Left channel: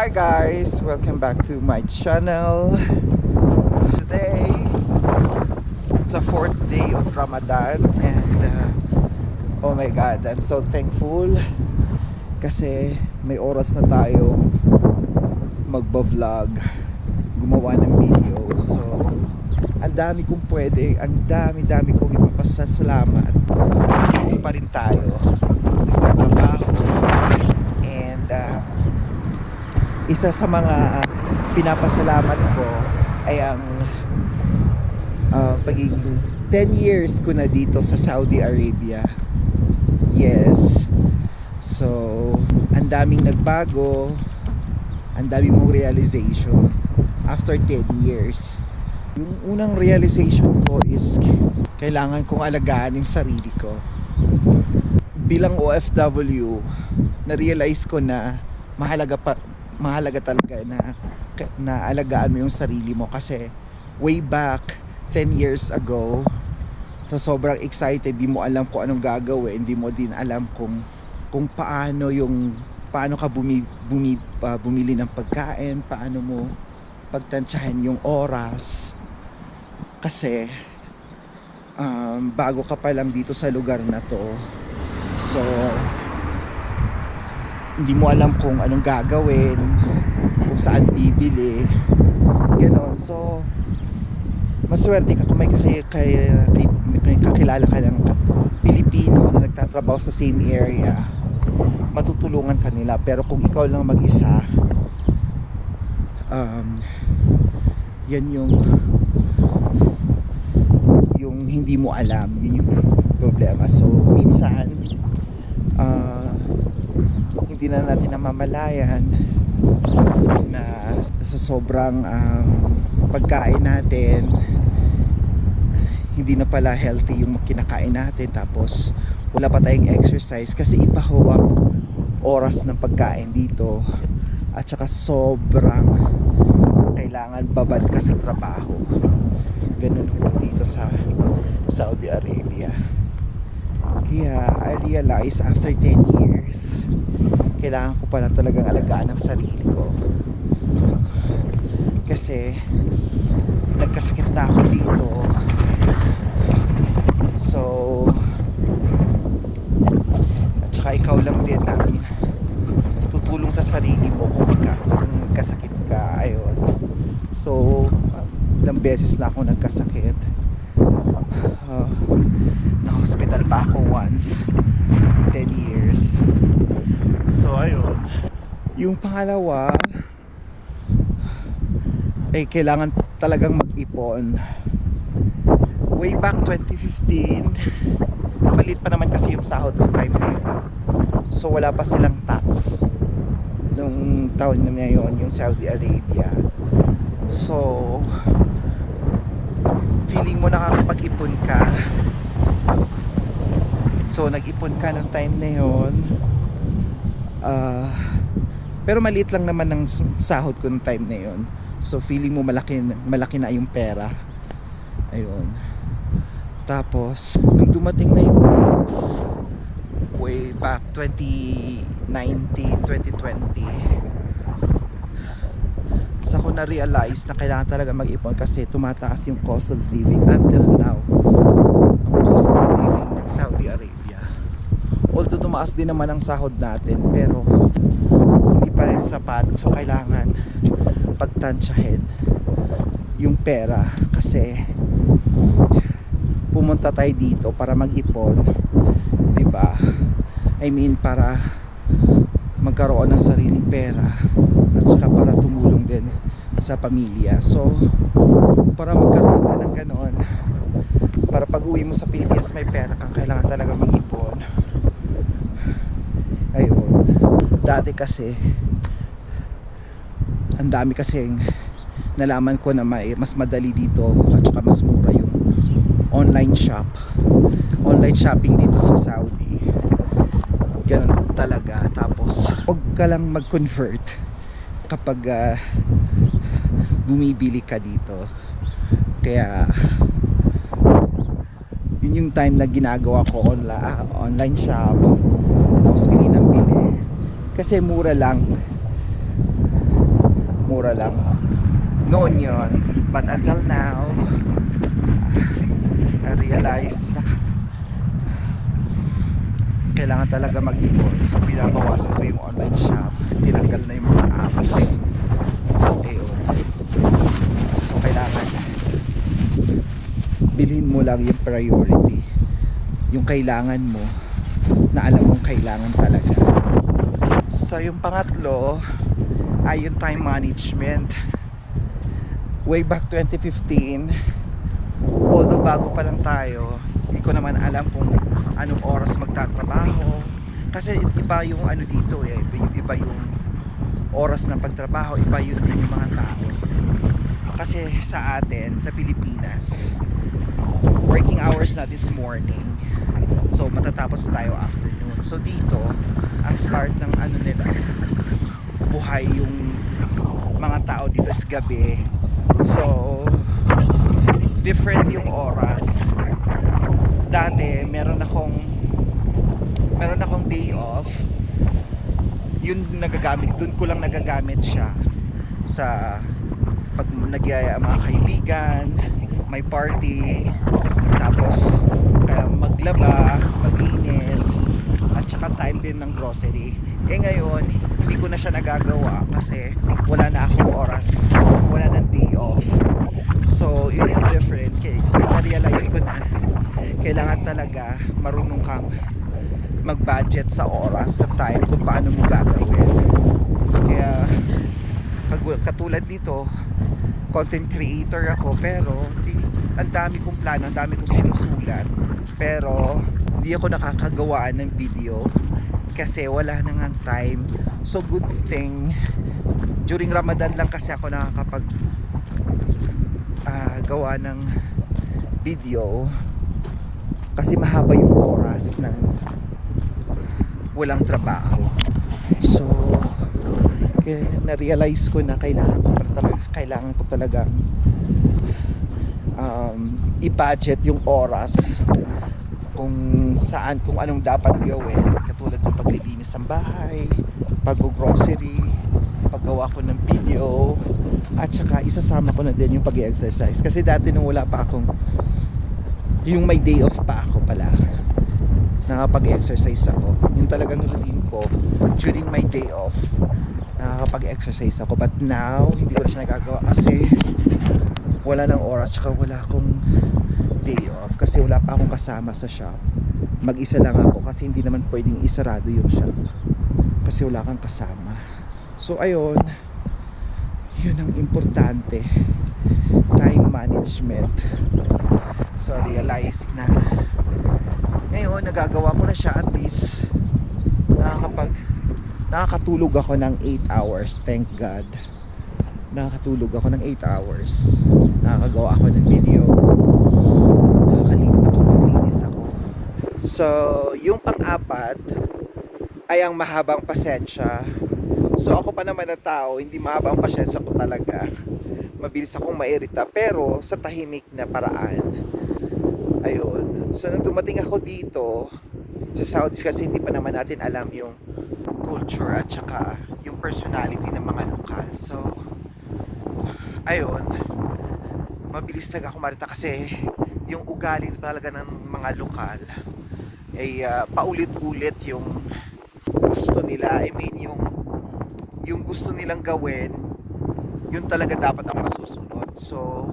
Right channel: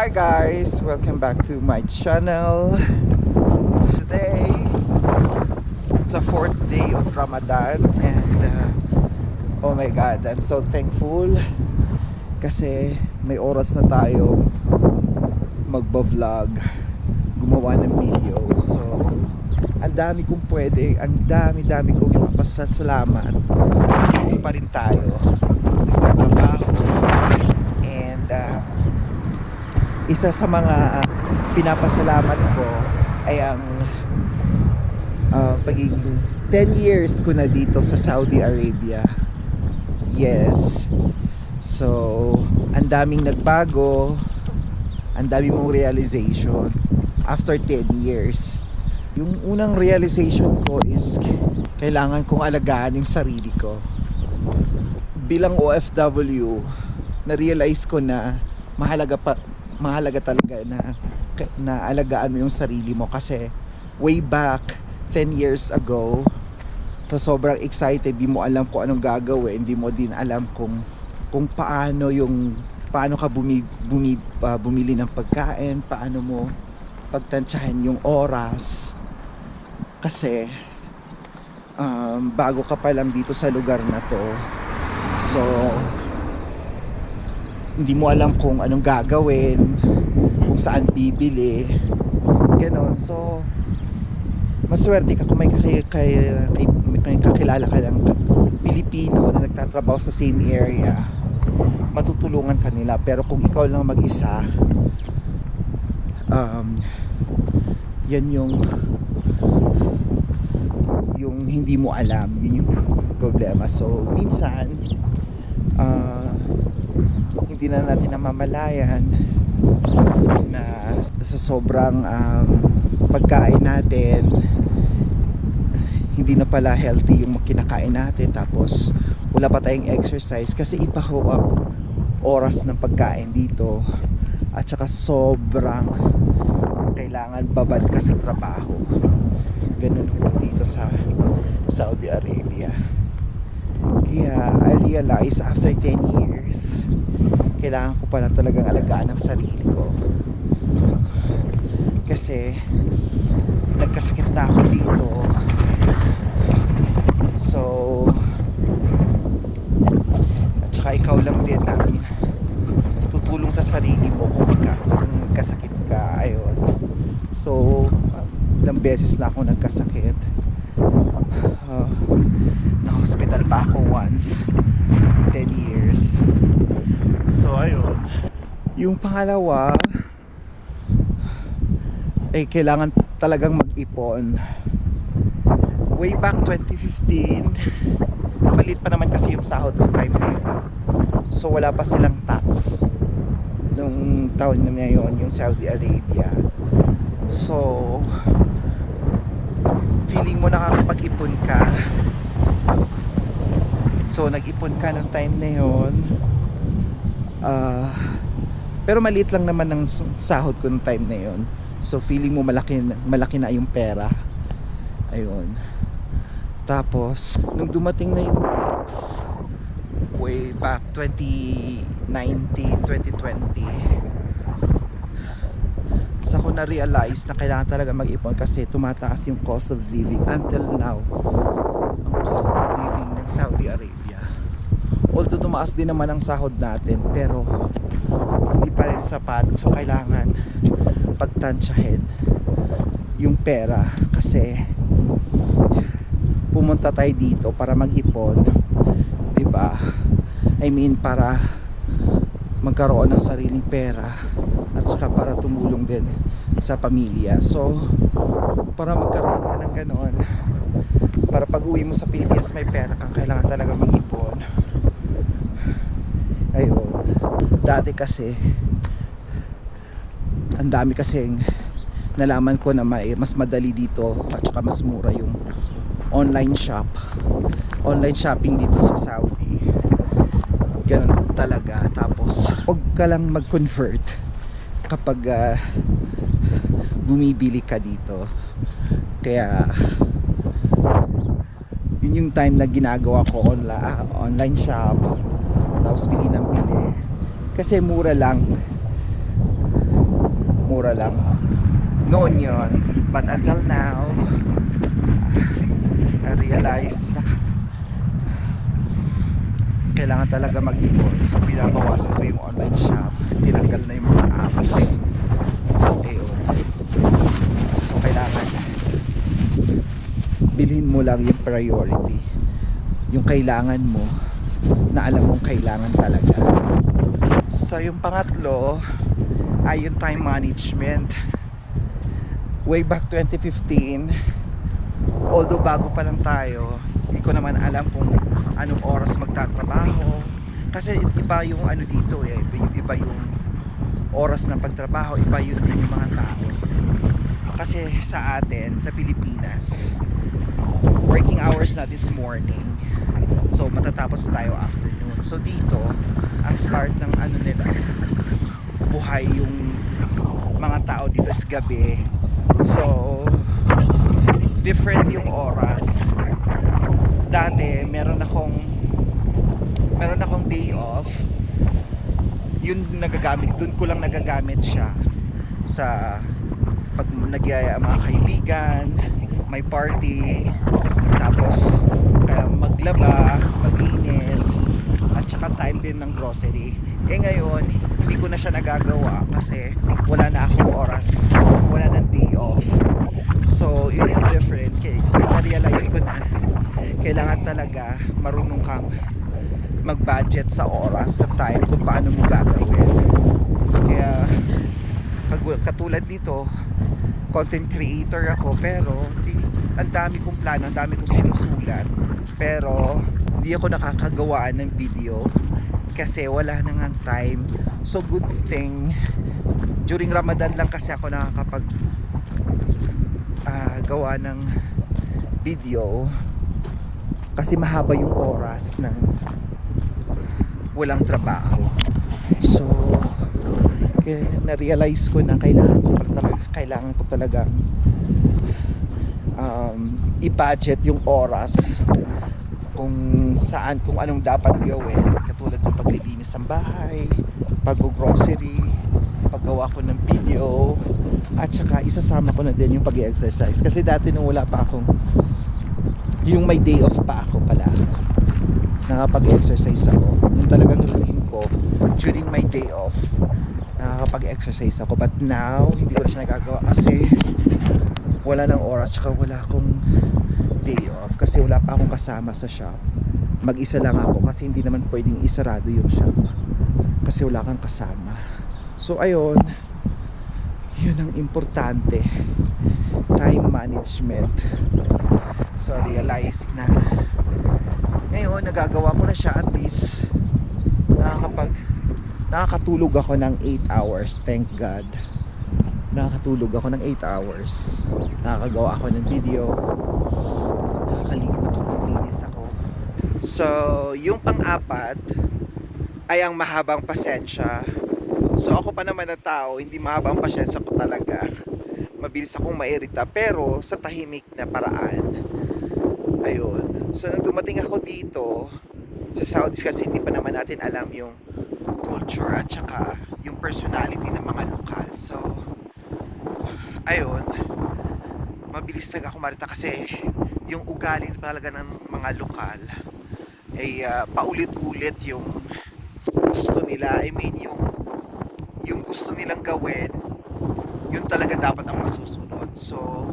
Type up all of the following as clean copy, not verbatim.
Hi guys, welcome back to my channel. Today it's a fourth day of Ramadan and oh my god, I'm so thankful kasi may oras na tayong magba-vlog, gumawa ng video. So ang dami kong pwede, ang dami kong ipapasalamat. Dito pa rin tayo nagtatrabaho and isa sa mga pinapasalamat ko ay ang pagiging 10 years ko na dito sa Saudi Arabia. Yes. So, ang daming nagbago, ang daming mong realization after 10 years. Yung unang realization ko is kailangan kong alagaan yung sarili ko. Bilang OFW, na-realize ko na mahalaga talaga na alagaan mo yung sarili mo kasi way back 10 years ago, sobrang excited, di mo alam kung anong gagawin, hindi mo din alam kung paano ka bumili ng pagkain, paano mo pagtantsahin yung oras kasi bago ka pa lang dito sa lugar na to. So hindi mo alam kung anong gagawin, kung saan bibili, ganon. So maswerte ka kung may kakilala ka ng Pilipino na nagtatrabaho sa same area, matutulungan ka nila. Pero kung ikaw lang mag-isa, yan yung hindi mo alam, yun yung problema. So minsan hindi na natin namamalayan na sa sobrang pagkain natin, hindi na pala healthy yung kinakain natin, tapos wala pa tayong exercise kasi iba ho ang oras ng pagkain dito, at saka sobrang kailangan babad ka sa trabaho. Ganun ho dito sa Saudi Arabia. Kaya I realized after 10 years kailangan ko pala talagang alagaan ang sarili ko kasi nagkasakit na ako dito. So at saka ikaw lang din ang tutulong sa sarili mo kung magkasakit ka. Ayun. So ilang beses na ako nagkasakit. Na-hospital pa ako once 10 years. So ayun. Yung pangalawa ay kailangan talagang mag-ipon. Way back 2015, maliit pa naman kasi yung sahod ng time na yun. So wala pa silang tax nung taon na yun, yung Saudi Arabia. So feeling mo nakakapag-ipon ka. So nag-ipon ka nung time na yun. Pero maliit lang naman ng sahod ko nung time na yun. So feeling mo malaki na yung pera. Ayun. Tapos nung dumating na yung tax way back 2019, 2020, sa ko na realize na kailangan talaga mag-ipon kasi tumataas yung cost of living. Until now, ang cost of living ng Saudi Arabia, although tumaas din naman ang sahod natin, pero hindi pa rin sapat. So kailangan pagtansyahin yung pera kasi pumunta tayo dito para mag-ipon, diba? I mean para magkaroon ng sariling pera at saka para tumulong din sa pamilya. So para magkaroon ka ng ganon, para pag uwi mo sa Pilipinas may pera kang, kailangan talaga mag-ipon. Ayun. Dati kasi ang dami kasing nalaman ko na mas madali dito at saka mas mura yung online shopping dito sa Saudi. Ganun talaga. Tapos huwag ka lang mag-convert kapag bumibili ka dito. Kaya yun yung time na ginagawa ko online shop, tapos bili ng bili kasi mura lang. mura lang noon yon. But until now, I realize na kailangan talaga mag-ipon. So binabawasan ko yung online shop, tinanggal na yung mga apps. Ayun. So kailangan bilhin mo lang yung priority, yung kailangan mo, na alam mong kailangan talaga. So yung pangatlo ay yung time management. Way back 2015, although bago pa lang tayo, hindi ko naman alam kung anong oras magtatrabaho, kasi iba yung ano dito eh, iba yung oras ng pagtrabaho, iba yun din yung mga tao. Kasi sa atin, sa Pilipinas, working hours na this morning, so matatapos tayo afternoon. So dito ang start ng ano nila, buhay yung mga tao dito is gabi. So different yung oras. Dati meron akong day off, yun nagagamit, dun ko lang nagagamit siya sa pag nagyaya mga kaibigan, may party, tapos maglaba, maglinis, at saka time din ng grocery. Ngayon hindi ko na siya nagagawa kasi wala na akong oras, wala nang day off. So yun yung difference. Kaya na-realize ko na kailangan talaga marunong kang mag-budget sa oras, sa time, kung paano mo gagawin. Kaya katulad nito, content creator ako, pero ang dami kong plano, ang dami kong sinusulat, pero hindi ako nakakagawa ng video kasi wala na ngang time. So good thing during Ramadan lang kasi ako nakakapag gawa ng video, kasi mahaba yung oras ng walang trabaho. So kaya na-realize ko na kailangan ko talaga i-budget yung oras kung saan, kung anong dapat gawin, katulad ng paglilinis ng bahay, pag-grocery, paggawa ko ng video, at saka isasama ko na din yung pag-exercise. Kasi dati nung wala pa akong, yung may day off pa ako pala, nakapag-exercise ako. Yung talagang routine ko during my day off, nakakapag-exercise ako. But now hindi ko na siya nagagawa kasi wala nang oras, tsaka wala akong day off kasi wala pa akong kasama sa shop. Mag-isa lang ako kasi hindi naman pwedeng isarado yung shop kasi wala kang kasama. So ayun, yun ang importante, time management. So realize na ngayon nagagawa ko na siya, at least nakakatulog ako ng 8 hours, thank God. Nakakatulog ako ng 8 hours, nakakagawa ako ng video, nakakapaglinis ako. So yung pang-apat ay ang mahabang pasensya. So ako pa naman na tao, hindi mahaba ang pasensya ko talaga, mabilis akong mairita, pero sa tahimik na paraan. Ayun. So nung dumating ako dito sa Saudi, kasi hindi pa naman natin alam yung culture at saka yung personality ng mga lokal. So ayun, mabilis talaga ako marita kasi yung ugali talaga ng mga lokal ay paulit-ulit yung gusto nila. I mean yung gusto nilang gawin, yun talaga dapat ang masusunod. So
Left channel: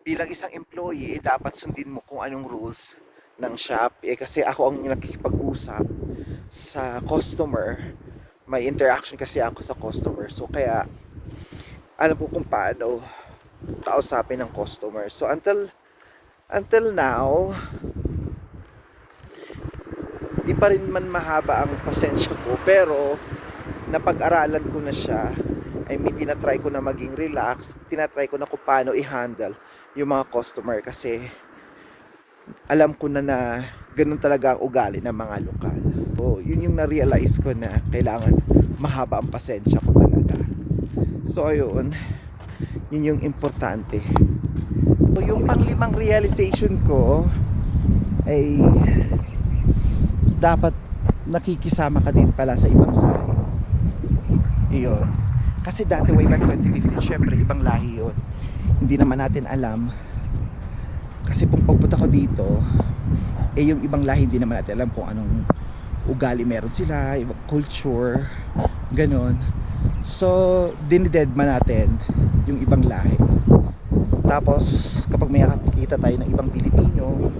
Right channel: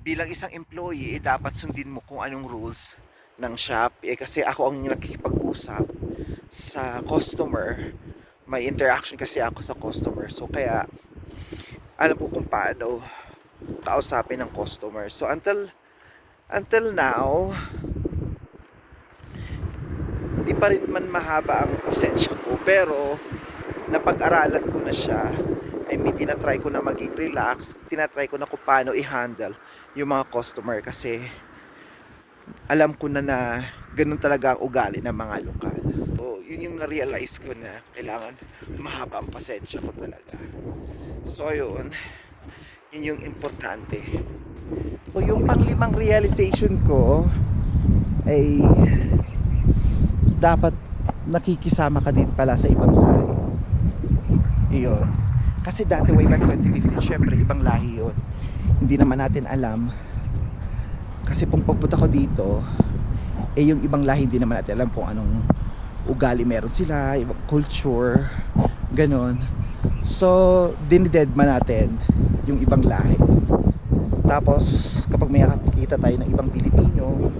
bilang isang employee, dapat sundin mo kung anong rules ng shop. Kasi ako ang nakikipag-usap sa customer, may interaction kasi ako sa customer. So kaya alam ko kung paano kausapin ng customer. So until now, di pa rin man mahaba ang pasensya ko, pero napag-aralan ko na siya. I mean, tinatry ko na maging relax, tinatry ko na kung paano i-handle yung mga customer, kasi alam ko na ganun talaga ang ugali ng mga lokal. So yun yung na-realize ko, na kailangan mahaba ang pasensya ko talaga. So ayun, yun yung importante. So yung panglimang realization ko ay dapat nakikisama ka din pala sa ibang lahi. Iyon. Kasi dati way back 2015, syempre ibang lahi yun. Hindi naman natin alam. Kasi pong pagpunta ko dito, yung ibang lahi hindi naman natin alam kung anong ugali meron sila, ibang culture, ganon. So, dinidedma natin yung ibang lahi. Tapos, kapag may nakikita tayo ng ibang Pilipino,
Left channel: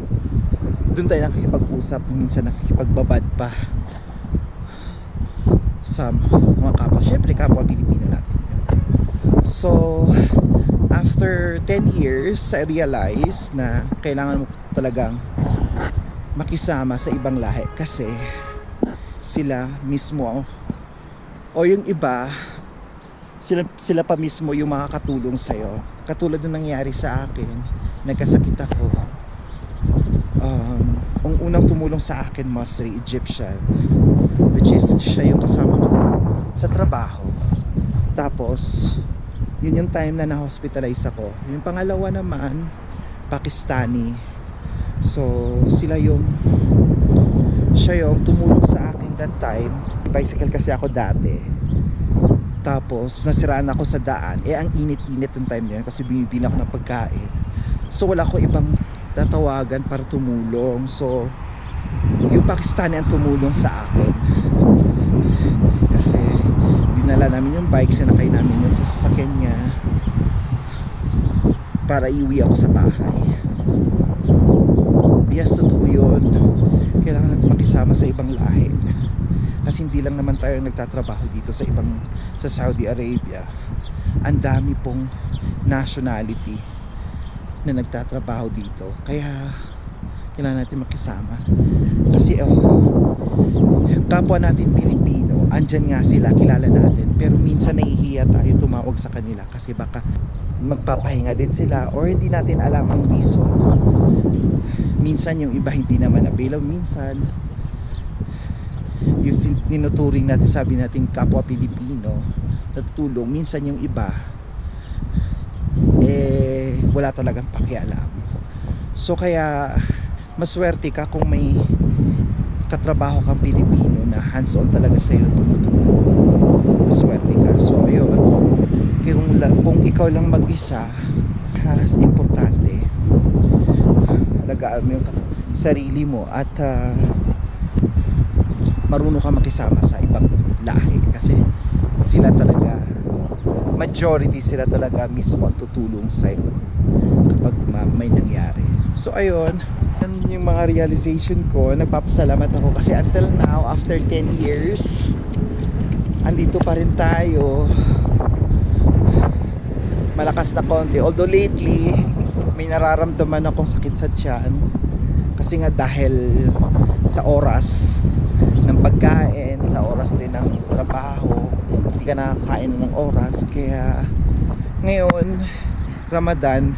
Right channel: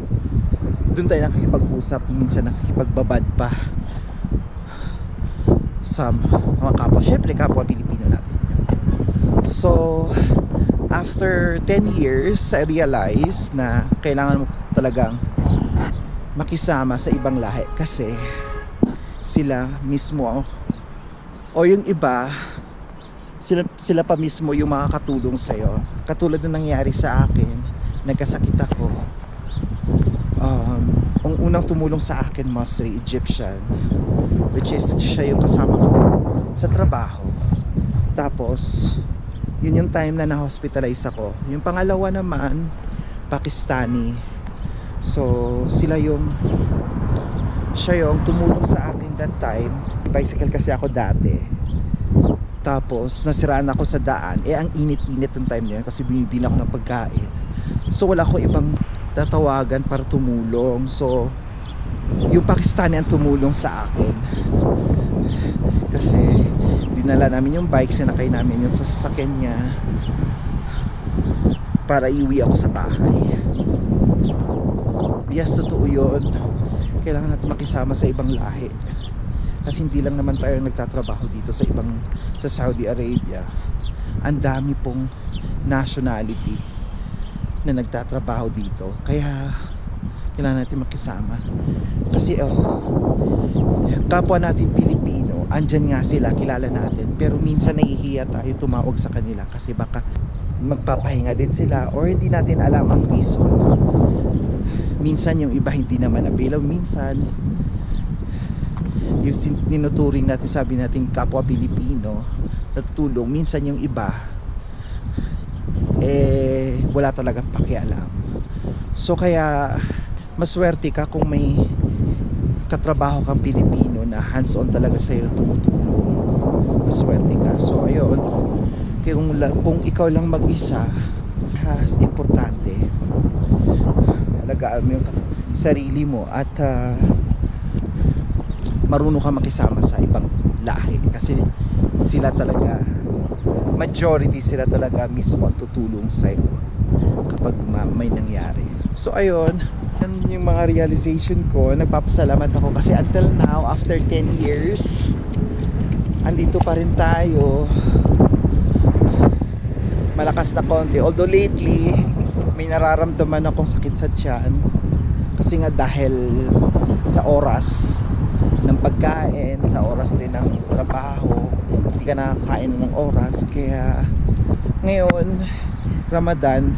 doon tayo nakikipag-usap, minsan nakikipagbabad pa sa mga kapwa, syempre kapwa Pilipino natin. So after 10 years I realized na kailangan mo talagang makisama sa ibang lahi kasi sila mismo o yung iba sila pa mismo yung makakatulong sa'yo. Katulad ng nangyari sa akin, nagkasakit ako. Ang unang tumulong sa akin, mostly Egyptian, which is siya yung kasama ko sa trabaho. Tapos yun yung time na na-hospitalize ako. Yung pangalawa naman, Pakistani. So siya yung tumulong sa akin that time. Bicycle kasi ako dati. Tapos nasiraan ako sa daan. Ang init-init ng time na yun kasi bumibili ako ng pagkain. So wala ko ibang tatawagan para tumulong. So yung Pakistani ang tumulong sa akin kasi dinala namin yung bike, sinakay namin yung sasakyan niya para iuwi ako sa bahay. Yes, totoo yun. Kailangan natin makisama sa ibang lahi kasi hindi lang naman tayo nagtatrabaho dito sa Saudi Arabia. Ang dami pong nationality na nagtatrabaho dito, kaya kailangan natin makisama kasi kapwa natin Pilipino, andyan nga sila, kilala natin, pero minsan nahihiya tayo tumawag sa kanila kasi baka magpapahinga din sila or hindi natin alam ang reason. Minsan yung iba hindi naman available, minsan yung tinuturing natin, sabi natin kapwa Pilipino natutulong, minsan yung iba wala talagang pakialam. So kaya maswerte ka kung may katrabaho kang Pilipino na hands-on talaga sa'yo, tumutulong. Maswerte ka. So ayun, kung ikaw lang mag-isa, importante alagaan mo yung sarili mo at marunong ka makisama sa ibang lahi kasi sila talaga, majority sila talaga mismo ang tutulong sa'yo kapag may nangyari. So ayun, yung mga realization ko. Nagpapasalamat ako kasi until now, after 10 years, andito pa rin tayo. Malakas na konti, although lately may nararamdaman akong sakit sa tiyan kasi nga dahil sa oras ng pagkain, sa oras din ng trabaho, hindi ka nakakain ng oras. Kaya ngayon Ramadan,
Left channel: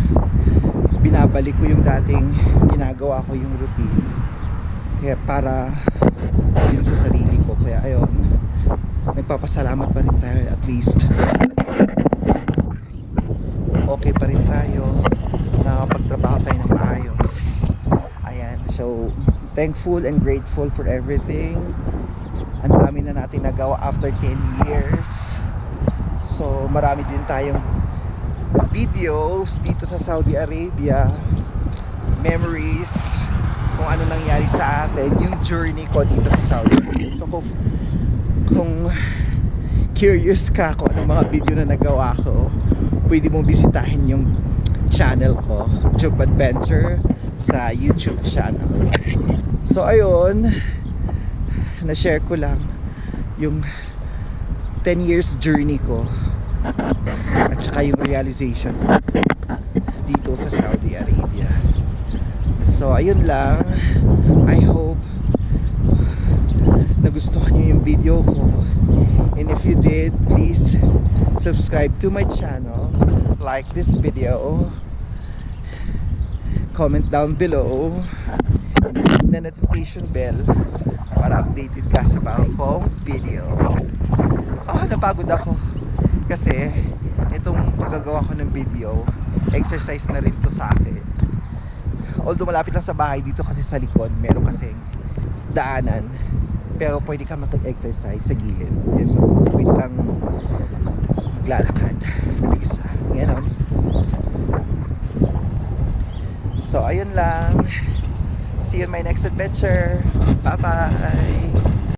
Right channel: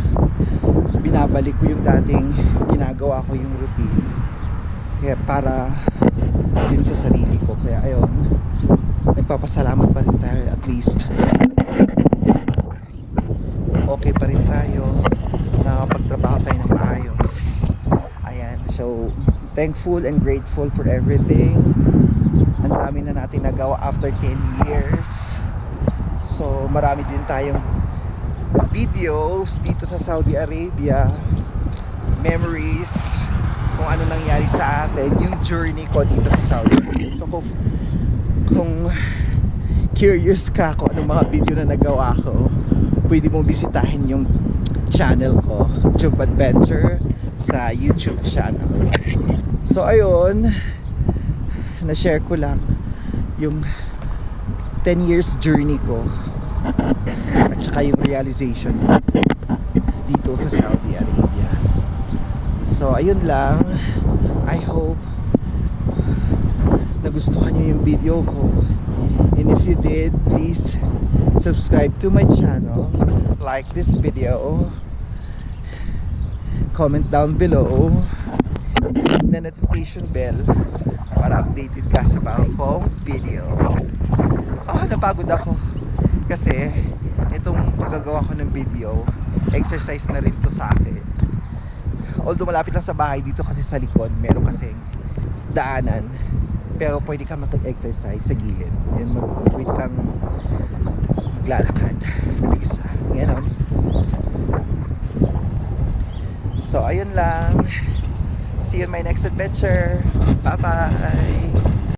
binabalik ko yung dating ginagawa ko, yung routine, kaya para din sa sarili ko. Kaya ayun, nagpapasalamat pa rin tayo, at least okay pa rin tayo, nakakapagtrabaho tayo ng maayos. Ayan, so thankful and grateful for everything. Ang dami na natin nagawa after 10 years. So marami din tayong videos dito sa Saudi Arabia, memories, kung ano nangyari sa atin, yung journey ko dito sa Saudi Arabia. So kung curious ka kung anong mga video na nagawa ko, pwede mong bisitahin yung channel ko, Tube Adventure, sa YouTube channel. So ayun, na-share ko lang yung 10 years journey ko at saka yung realization dito sa Saudi Arabia. So ayun lang, I hope nagustuhan nyo yung video ko, and if you did, please subscribe to my channel, like this video, comment down below, and hit the notification bell para updated ka sa bagong kong video. Napagod ako kasi itong paggagawa ko ng video, exercise na rin to sa akin. Although malapit lang sa bahay, dito kasi sa likod meron kasing daanan, pero pwede ka mag-exercise sa gilid. Pwede kang maglalakad. Isa. Ganon. So, ayun lang. See you in my next adventure. Bye-bye!